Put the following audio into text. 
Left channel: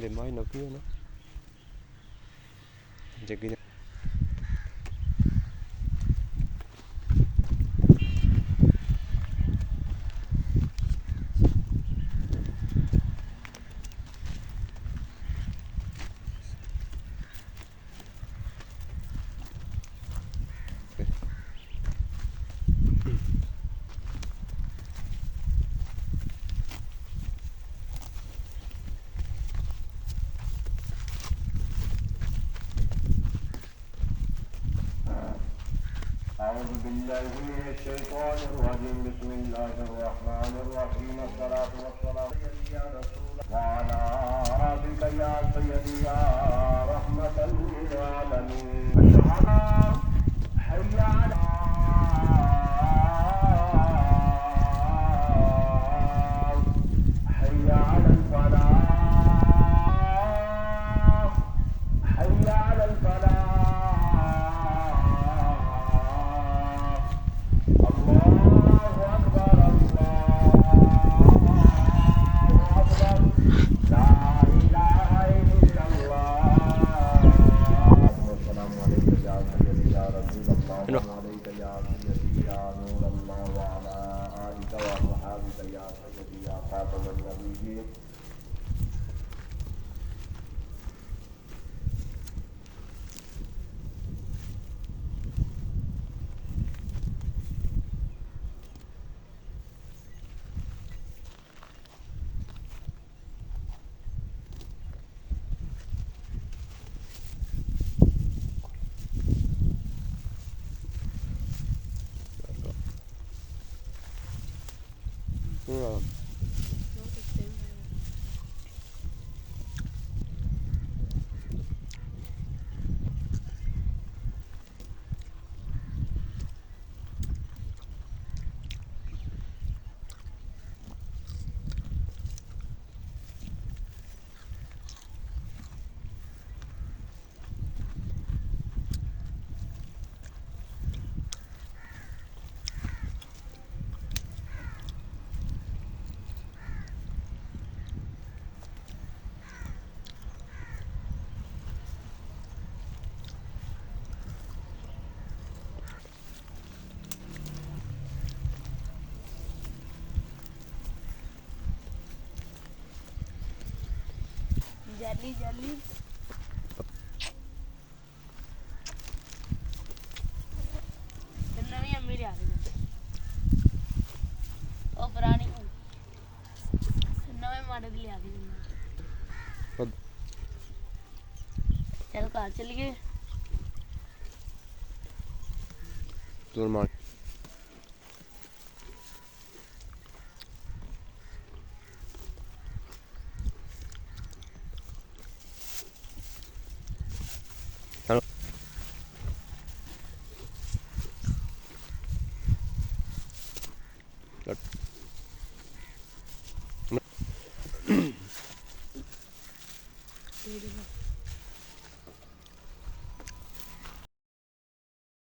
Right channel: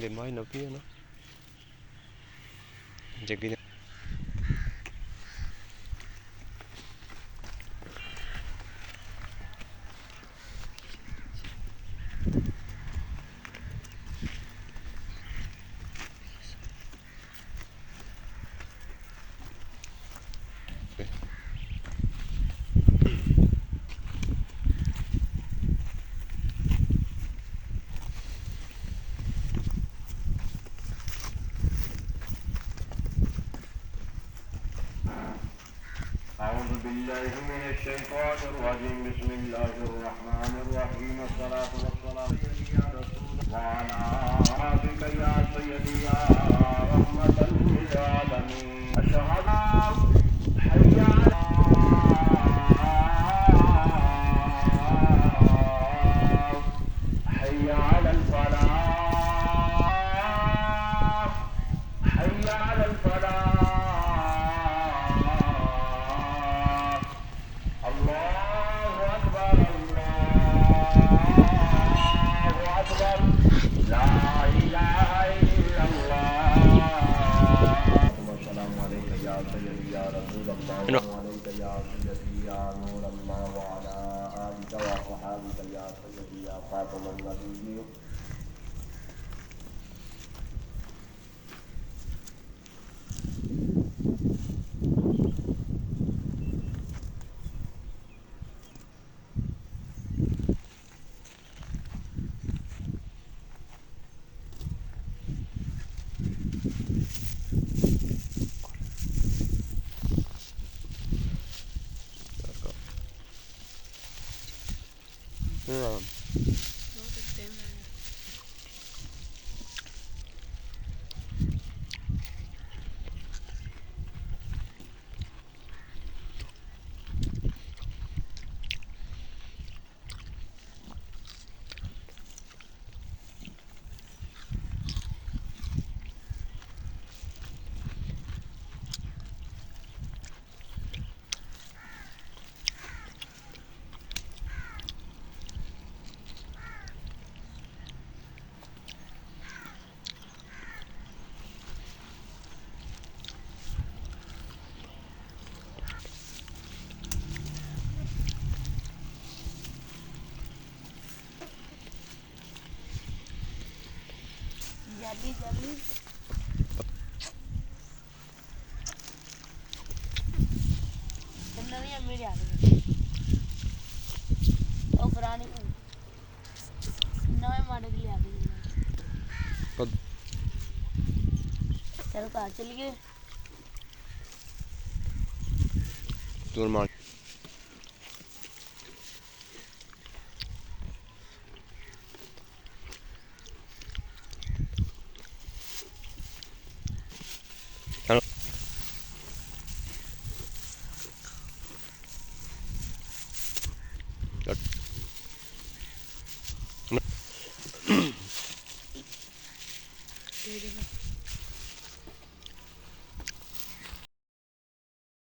để mai nó kia nó jadi أعوذ بالله من الشيطان الرجيم بسم الله الرحمن الرحيم الصلاة والسلام يا رسول وعلى آلك يا سيدي يا رحمة للعالمين أشهد حي على حي على الفلاح حي على الفلاح No. عليك يا سيدي يا نور الله وعلى آلك وصحابك يا سيدي يا خاتم النبيين Yeah. Jadi sebenarnya मेरे आ गए और पुराने नए मॉडल के लिए आ गए चल कहाँ चल गए Normal. Hello. ये देखो